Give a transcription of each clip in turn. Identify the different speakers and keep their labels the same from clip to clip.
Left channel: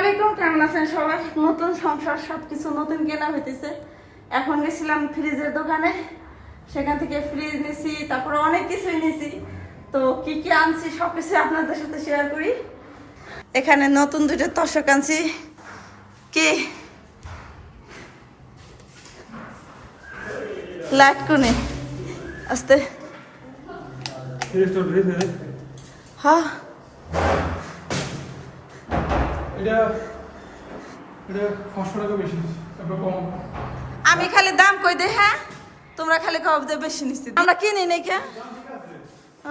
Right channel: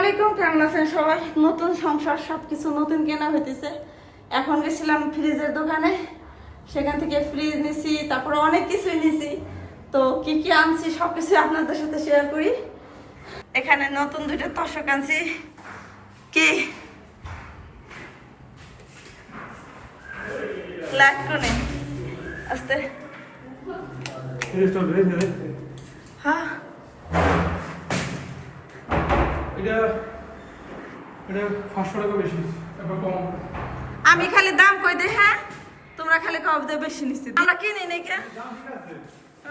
Speaker 1: আলাইকুম কেমন আছেন সবাই? নতুন সংসার সব কিছু নতুন কেনা হইতেছে। এখন গেছিলাম ফ্রিজের দোকানে। সেখান থেকে ফ্রিজ নিছি তারপরে অনেক কিছুই নিছি। তো কি কি আনছি সব কিছু আপনাদের সাথে শেয়ার করি। এখানে নতুন দুটো তশক আনছি। কি? লাইট কোনি আস্তে হ্যাঁ।
Speaker 2: এটা এটা পাঁচশো টাকা বেশি কম।
Speaker 1: আমি খালি দাম কই দে হ্যাঁ? তোমরা খালি কব দে বেশি নিচ্ছি। আমরা কিনি নাই কে?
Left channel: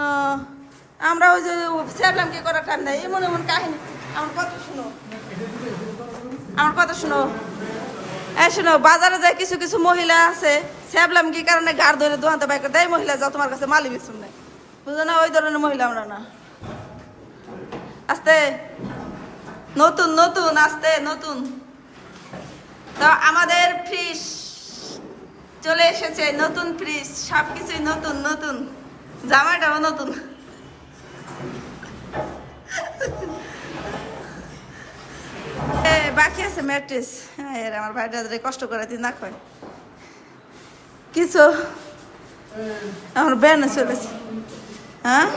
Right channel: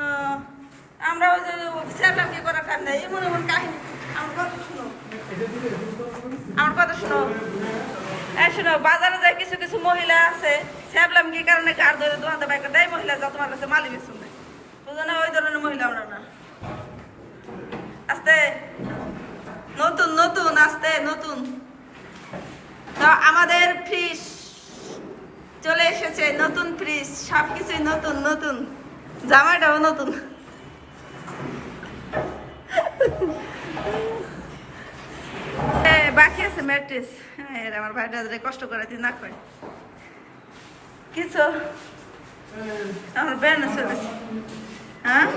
Speaker 1: আহ, আমরা ওই যে সেরলাম কি করার টাইম নাই। এমন এমন কাহিনী। আমার কথা শুনো। আমার কথা শুনো। এই শুনো বাজারে যায় কিছু কিছু মহিলা আছে। সেবলাম কি কারণে গার ধরে দোকানতে বাইক দেয় মহিলা যাও তোমার কাছে মালি বেসুন নাই বুঝো না? ওই ধরনের মহিলা আমরা না। আস্তে। নতুন নতুন আস্তে, নতুন। তো আমাদের ফ্রিজ চলে এসেছে, নতুন ফ্রিজ সব কিছুই নতুন নতুন। জামাটাও নতুন। বাকি আছে ম্যাট্রিস। এর আমার ভাইটা কষ্ট করে দিন না কয় কিছু? আমার ব্যানে চলেছে হ্যাঁ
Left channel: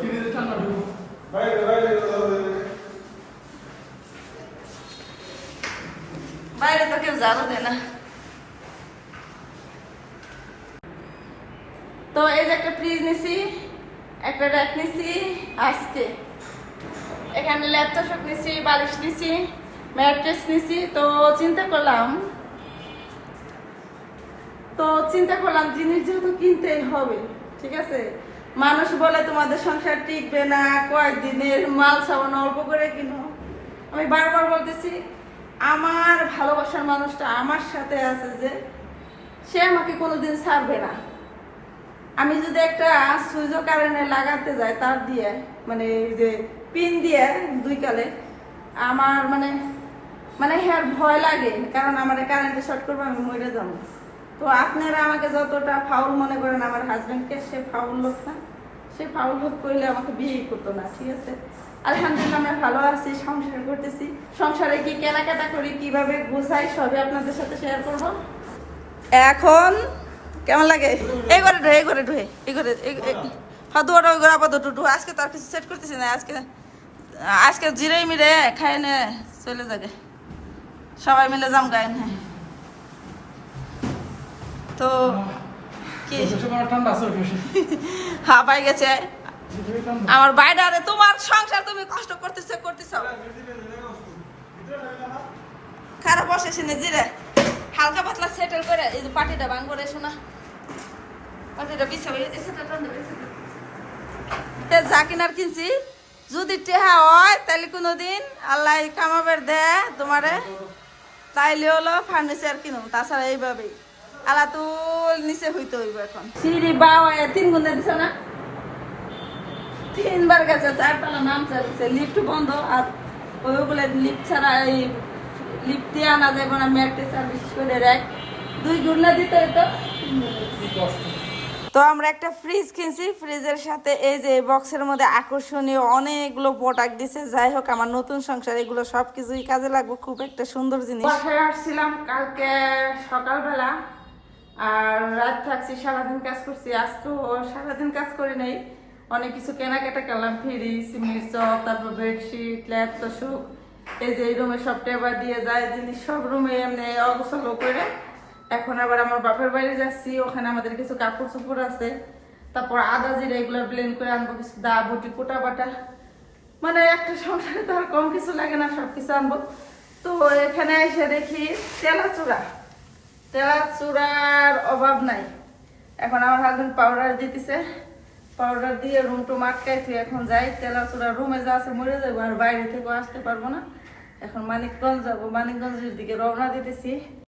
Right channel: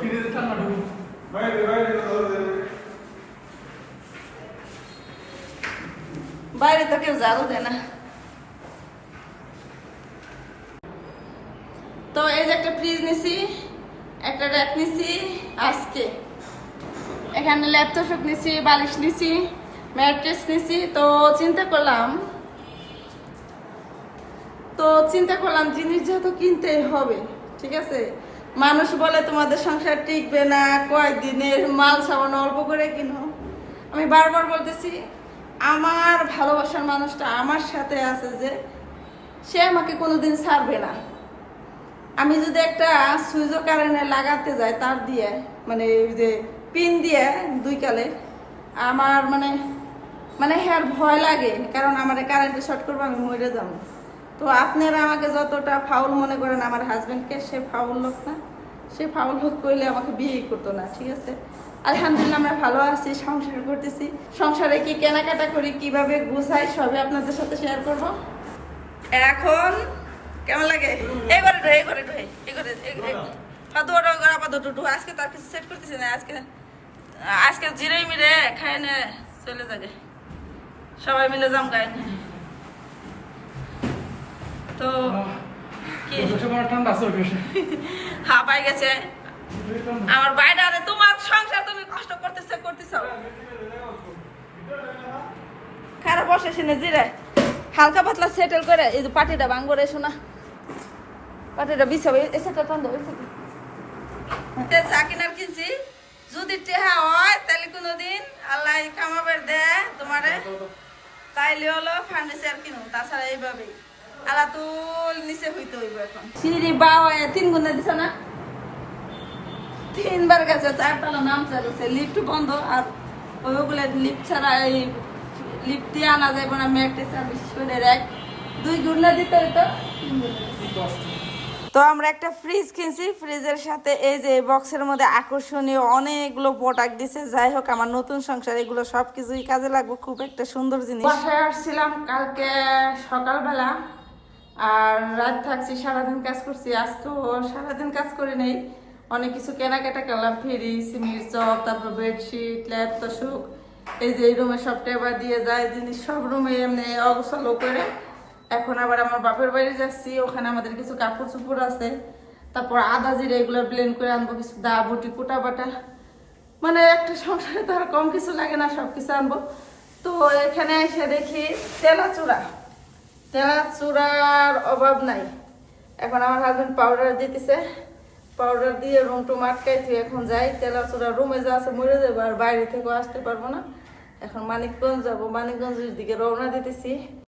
Speaker 2: কিনে দিতে ঠান্ডা ঢুকবো
Speaker 1: বাইরে তো কেউ ঝাড়ু দেয় না। তো এই যে একটা ফ্রিজ নিছি, একটা র্যাক নিছি, আজকে। এখানে ল্যাপটপ নিছি, বালিশ নিছি ম্যাট্রেস নিছি। তো চিন্তা করলাম, তো চিন্তা করলাম জিনিস যেহেতু কিনতেই হবে, ঠিক আছে? মানুষ বলে তোমাদের সংসার টিকবে না কয়েকদিনের মাল সাবান অল্প করে কিনো। আমি বারবার বলতেছি আমার ভালোবাসার মানুষটা আমার সাথে আছে যে সে আমাকে কোনোদিন ছাড়বে না। আমি যদি একটা সুইচও কারেন্টে লাগাতে যাই তার দিয়ে মানে এই যে পিন দিয়ে দুই কালে, আমার মানে মানে হ্যার ভয় লাগে, কারণ আমার কারেন্টে শর্ট করব, আমি মরে যাব। তো আপনারা আমাকে যতটা ফাউল মনে করেন, আমার হাজব্যান্ডকে সে ফাউল লোক না, সে ফাউল লোক করলে আমাকে বিয়েই করতো না, ঠিক আছে? আলহামদুলিল্লাহ আমরা ভালো আছি, সংসার করতেছি। সংসারে কি কেনাকাটা করি, কীভাবে গুছাই, সবই আপনাদের সাথে শেয়ার করব। এখন কেমন লাগে? এই করে ঢুয়ে এই করে ঢুয়ে এই করে হ্যাঁ দুয়ার ওই করে আপাতত ঢু আজকে তো আর কিছু সেট করতেছি না, আজকে আজকে জিরে মিরে খাই নে, চলে যাবে। সবাই মিলে যাম গায়ে তো, কি?
Speaker 2: ঠান্ডা আছে
Speaker 1: হ্যাঁ পাই গেছে। আমার বাইরে তোমার সংসার তুমি কষ্ট করতেছে, করতেছ। খারাপ বসে শুনে জিরে হালকা পাতলা সেটেল করে, এই যে পাটিটা ভাঙ করে শোনা। পাটিটা বিছাবে এসে তো ঠান্ডা বিছাবে। যা কিনার কিনছি। যদি টেহা হয়, তাহলে কোনোদিন আল্লাহ কামাবের দে তোমারে। তাইলে হলো ফার্নিচার কিনো তাছাড়া এইভাবেই। আলা তুল নিচে হইতে হইব এখন। সিঁড়ি বাবা তিন গুণে দিছ না? তিনবার গেছে, চারতলা নাম চালিয়েছে লিফট বন্ধ, আর ওইগুলো লিফট ছাড়া এই লিফট দিয়ে আনা যাবে না ম্যাট্রেস আর বিশেষ করে র্যাক দুই গুণে দিতে হইতো তো আমরা একটা ফ্রিজ কিনছি ফ্রিজের সাথে এই যে বক্সের মধ্যে আকর্ষণীয় অনেকগুলো প্রোডাক্ট দিছে। যাই হোক, আমার নতুন সংসার, এগুলো সব কিছুই কাজে লাগবে, খুব একটা সুন্দর জিনিস। বাসায় আসছিলাম কালকে সকালবেলা, আর রাত থাকছি, সারাদিন কাজ করছি। আজকেও সারাদিন কাজ করি নাই। অনেক কিছু কেনাকাটা করলাম, ফ্রিজ চপ তারপর বেডশিট ল্যাপ তোষক এই যে এই রুমে সব টেবা দিয়ে যায়, জিনিস সব রুমে এমনি অবসলো করে। এখন আবার আমার বাপের বাড়ি যাচ্ছি, ওখানে আমাদের কিছু কাপড় চোপড় আছে। তারপর আদা জিরে এগুলো ব্লেন্ড করে আনব, কিছু দা, বটি, কোটা বাটা। মানে একটা সংসারে তো আর কম কিছু লাগে না সব কিছু আনব। তো এখানে এসে দেখি তেলা চূড়া তেলা চূড়ার অভাব নাই। এখন আমার হাজবেন্ড পাউডার দিতেছে। পাউডার দিয়ে রুম টুম আটকাই তুই এখন যাই। তেলা চোরা রুমে যা আছে মরে যাব আর বাইরে থেকেও আসতে পারব না। এখন মানিকগঞ্জ যাব। মানিকগঞ্জের দিকে রওনা দিতেছি।